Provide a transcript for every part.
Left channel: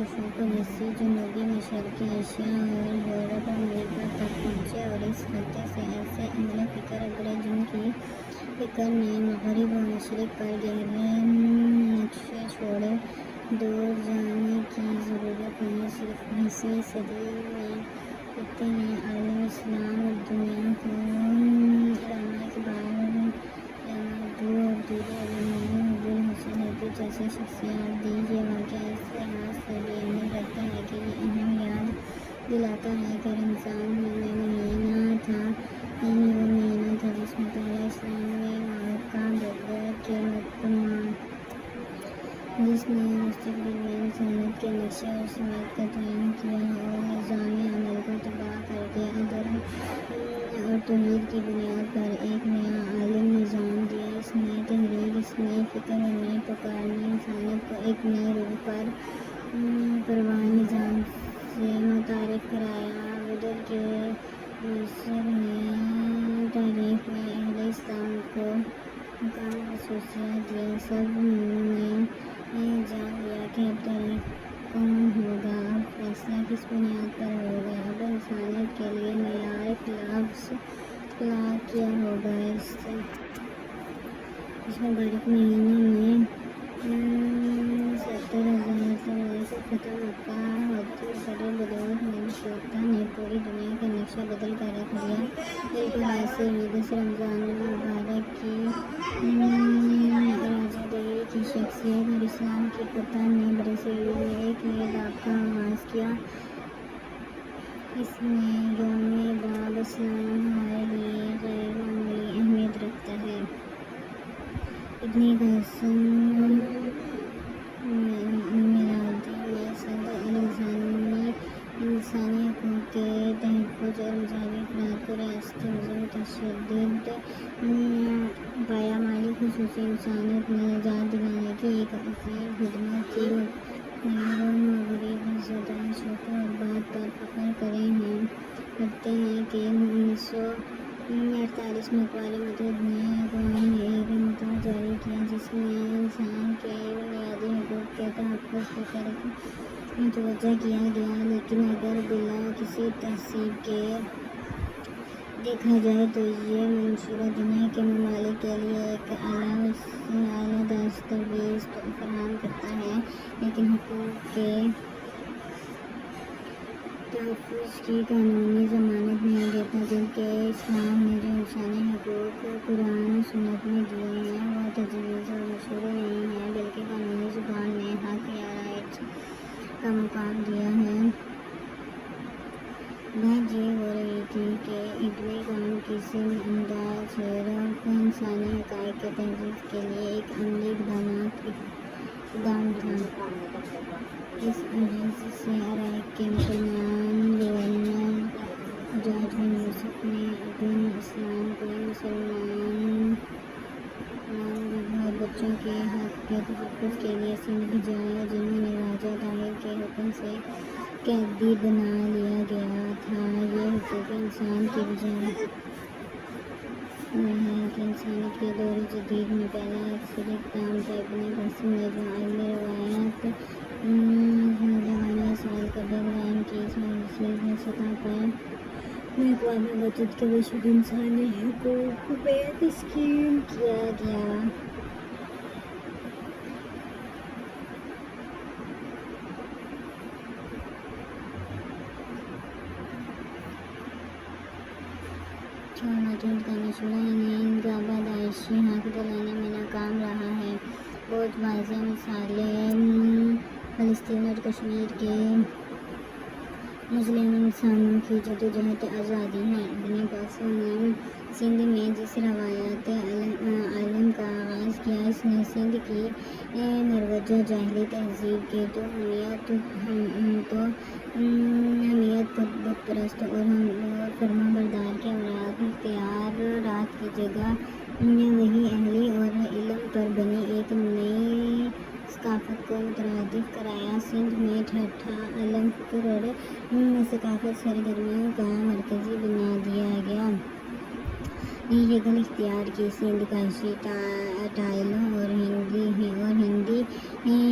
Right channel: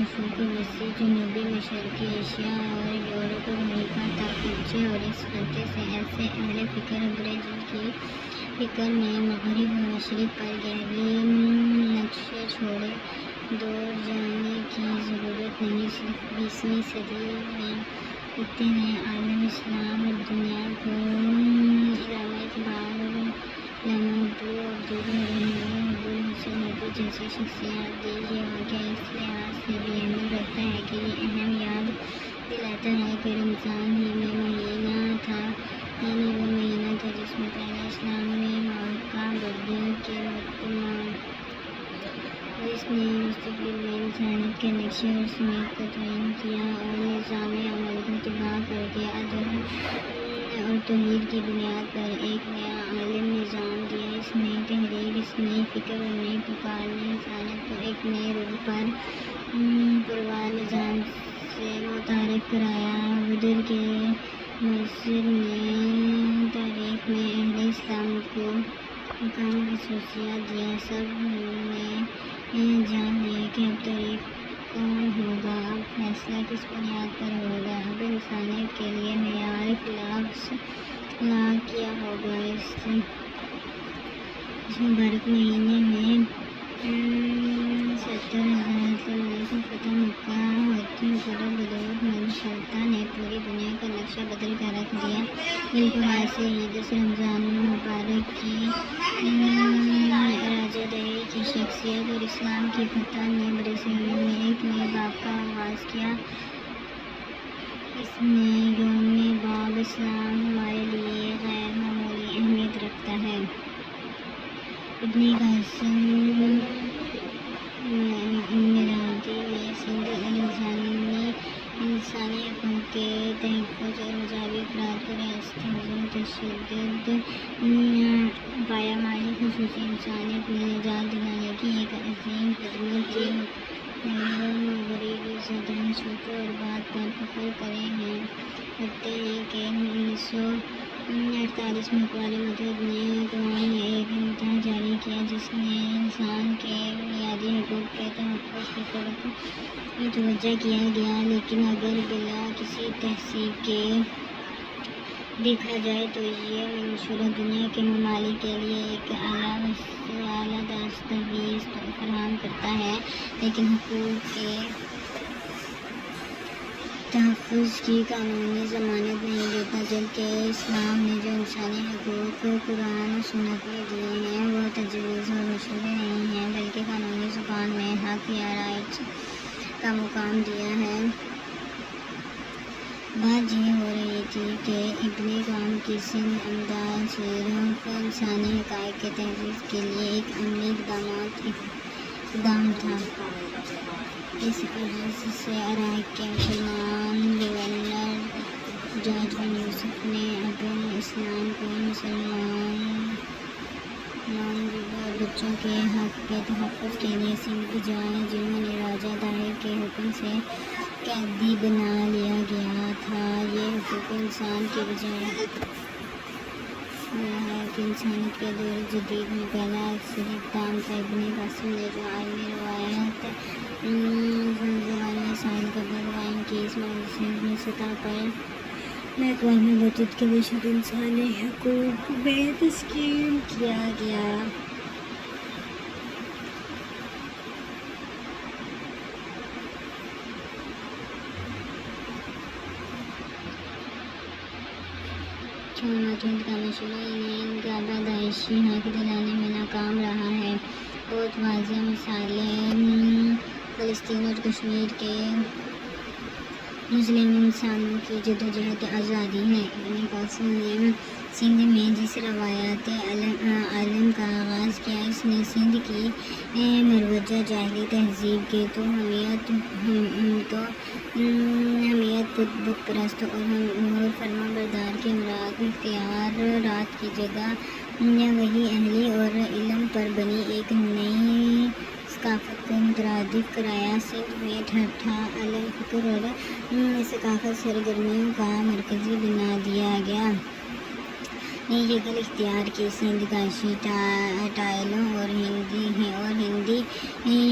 مشرق وسطی جنوبی مشرقی ایشیا اور یورپ امریکہ تک پہنچے، اور اس خطے سے ایسے اہل فکر ابھرے جن کی فکر نے مغرب و مشرق پر گہرے نقشے چھوڑے۔ دور جانے کی ضرورت نہیں، صرف 20ویں صدی میں اتنے عالم اسلام اور دنیا کو علامہ اقبال، علامہ عبداللہ اور دیگر روحانی حضور حسن نبوی جیسی شخصیات دی۔ یہ واقعہ اس لحاظ سے بھی اہمیت رکھتا ہے کہ یہ اہم یاد دلاتا ہے کہ رمضان ہی وہ مہینہ تھا جس میں پہلا اسلامی معرکہ بدر کے جس نے مستقبل میں انسانیت کے نقشے اور سمت کا تعین کیا اور نظام عمل کو تباہ کر دیا۔ اور توحید کی بنیاد پر ایک نیا عالم نظام دیا۔ اس نئی تحریک، اس نئی فکر اور نئی پکار نے انسانیت کو ایک نئے روح پر پروان نظام سے متعارف کرایا۔ بدر کے مؤثر نے تاریخ میں اہل اسلام کو مقام و خصوصیت دیا۔ سب نے جان لیا کہ اب تاریخ کون ہوگا، اب فیصلہ کس بنیاد پر ہوگا، اب انسانیت کے لیے معیار اخلاق کیا ہوگا۔ اس مبارک مہینے میں 70,000 سے فتح مکہ ہوتی قدر بدولت منشلتا نے پوری دنیا کا نقشہ بدل کر رکھ دیا۔ بالکل ایسے ہی 10 رمضان المبارک کی راجہ دہی کی شخصیت اور اسلام کی فتح نے برصغیر میں ایک نئے باب کا آغاز کیا۔ اس میں یوم باب اسلام ہمارے لیے غیر معمولی اہمیت رکھتا ہے۔ ابن قاسم میرادی نے انسانی حقوق کے تحفظ اور مذہبی افراد کو ریاستی نظم تشدد پایمالی خصوصی انسانیت میں نجات دلانے کی ایک عظیم خدمت کی۔ مغربی صدر چھوٹوں اور بات پر فخر کرتے ہیں کہ 1948 میں اقوام متحدہ نے ایک متحدہ جاری کیا جس میں انسان کے بنیادی حقوق کے تحفظ کی طرف متوجہ کیا گیا، لیکن اگر بلا کسی تحقیق کے دیکھا جائے تو یہ منشورہ دنیا کے ممالک کے لیے ایک اعلیٰ دستاویز فراہم کرتا ہے، لیکن حقوق کے تحفظ کی قانونی ضمانت نہیں دیتا۔ جبکہ اسلام نے جو انسانی حقوق قرآن و سنت میں دیے ہیں وہ تجویز و مشورے نہیں ہیں، بلکہ قانونی زبان میں حق یا رائٹ کا مقام دیا ہے۔ بات یہ ہو رہی تھی کہ ابن قاسم کی سند امداد صرف انسانی حقائق کے تحفظ کے لیے ایک عملی اقدام تھا۔ اس غرض سے عراق کے مسلمان گورنر جارج بن یوسف نے ابن اسلام کو مسلمان بچوں کے حق کے تحفظ کے لیے سندھ بھیجا، جنہوں نے راجہ دہی کے حکم سے قیدی بنا لیا گیا تھا۔ یہ حقوق انسان کی بجائے ہے کہ انسانیت کے دور جدید میں پہلا اکثر اقدام تھا۔ ابن قاسم نے جو عالمی روایات زبانی مسائل کا بیان کی، اس منفرد سطح پر اقوام متحدہ کے وجود انسانی حقوق میں تسلیم کیا گیا۔ اقوام متحدہ کا مشورہ انہیں ان کا پیدائشی حق دلانے میں ناکام رہا ہے۔ بہت واضح مثالیں فلسطین اور کشمیر کے مظلوم انسانوں کی جدوجہد آزادی ہیں۔ ابن قاسم نے سندھ میں جس روایت عالم کا آغاز کیا، اس نے سندھ کی مروجہ جاہلی تہذیب کے تو حمیت بت پرست اور فرما بردار کے مراد اختیارات کی جگہ وحی اہلی اور علم پر بنی ایک نئی ثقافت کو مترادف کرایا۔ سندھ میں ٹھٹھا عالم فکر اور ثقافت سرگرمیوں کا مرکز بنا دیا گیا۔ شکل اختیار کی سندھ گاشی ٹائلوں اور ہندی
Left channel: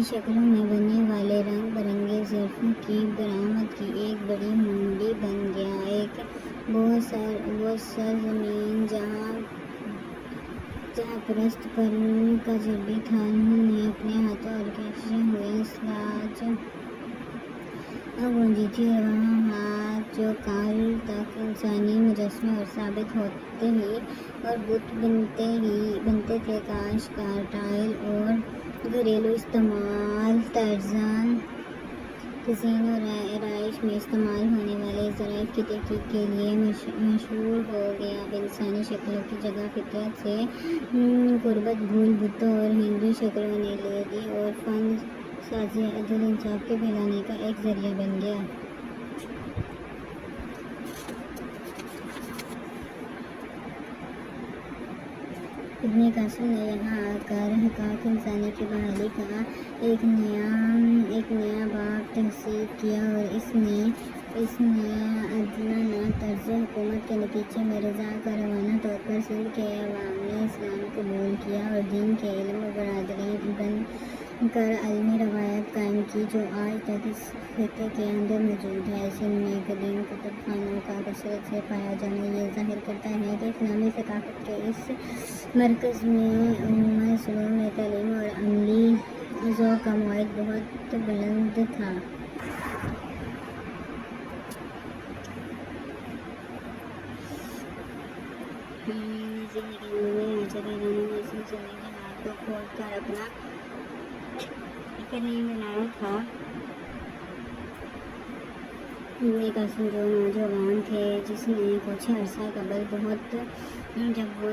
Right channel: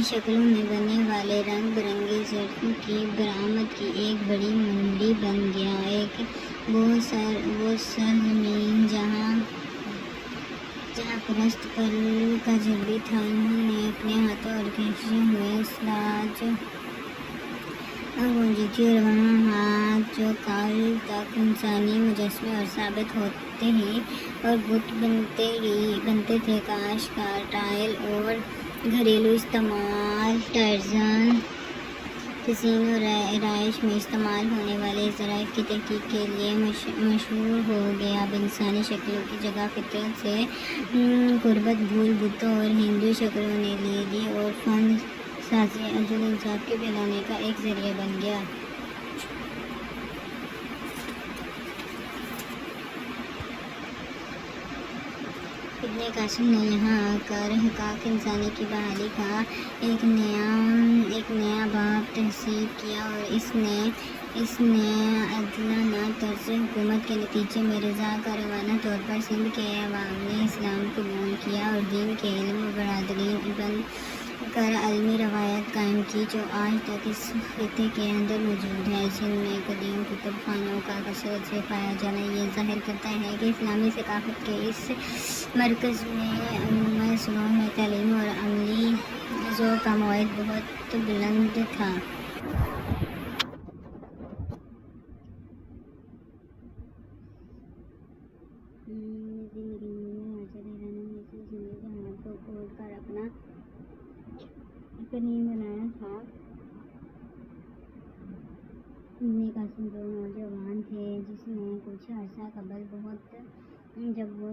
شکلوں میں بننے والے رنگ برنگے ظرفوں کی برآمد کی ایک بڑی منڈی بن گیا، ایک وہ سرزمین جہاں پرست پر کا جب بھی تھا، انہوں نے اپنے ہاتھوں اور کشے ہوئے سلاج گونجی تھی، اور وہاں ہاتھ جو کال تک انسانی مجسمے اور ثابت ہوتے ہی اور بت بنتے تھے، کاشتکار ٹائل اور گھریلو استعمال ٹائرزن تزئین اور رہائش میں استعمال ہونے والے ظرائف کی تحقیق کے لیے مشہور ہو گیا۔ اب انسانی شکلوں کی جگہ فطرت سے قربت بھول بتوں اور ہندو شکلوں نے لے لی، اور فن سازی عدل انصاف کے پھیلانے کا ایک ذریعہ بن گیا۔ ابن قاسم نے یہاں آ کر حقائق انسانی کی بحالی کا ایک نیا باب تحصیل کیا، اور اس نے عادلانہ طرز حکومت کے نتیجے میں رضا کارانہ طور پر سندھ کے عوام نے اسلام قبول کیا اور دین کے علم و برادری بن کر عالمی روایت قائم کی جو آج تک اس خطے کے اندر موجود ہے۔ سندھ میں قدیم کتب خانوں کا کثرت سے پایا جانا یہ ظاہر کرتا ہے کہ اسلامی ثقافت کے اس مرکز میں علوم سلوک میں تعلیمی اور عملی ذوق کا معیار بہت بلند تھا۔ زندگی کے ہاتھ کو کھول کر اپنا کریم بنایا تھا۔ ابن قاسم جو نوجوان تھے جس نے کچھ عرصہ قبل جب وہ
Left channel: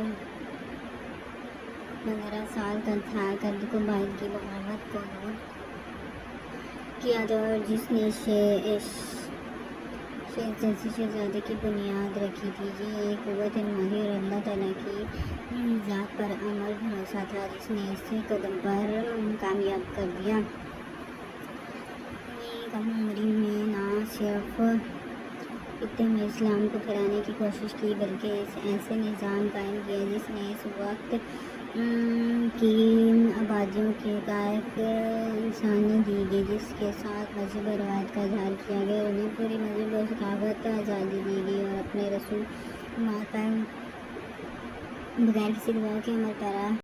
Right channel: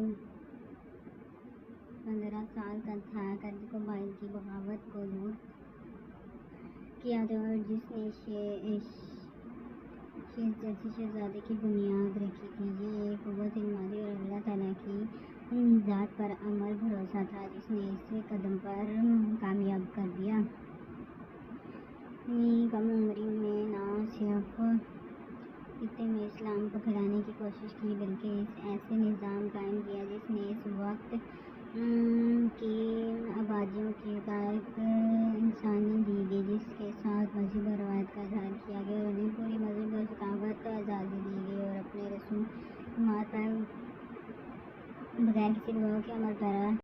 15 سال کا تھا قد قبائل کی بغاوت کو دور کیا تھا، اور جس نے شیخ جیسی شہزادی کی بنیاد رکھی تھی، یہ ایک قوت مالی اور اللہ تعالیٰ کی ذات پر عمل بھروسہ تھا جس نے اسے قدم پر کامیاب کر دیا۔ کم عمری میں نہ صرف خطے میں اسلام کو پھیلانے کی کوشش کی بلکہ ایسے نظام قائم کیا جس نے اس وقت کی آبادیوں کے حقائق انسانی دی گئی، جس کے ساتھ مذہب اور روایت کا اظہار کیا گیا، اور انہیں پوری مذہب اور ثقافت آزادی دی گئی، اور اپنے رسومات پر بغیر کسی دباؤ کے عمل پیرا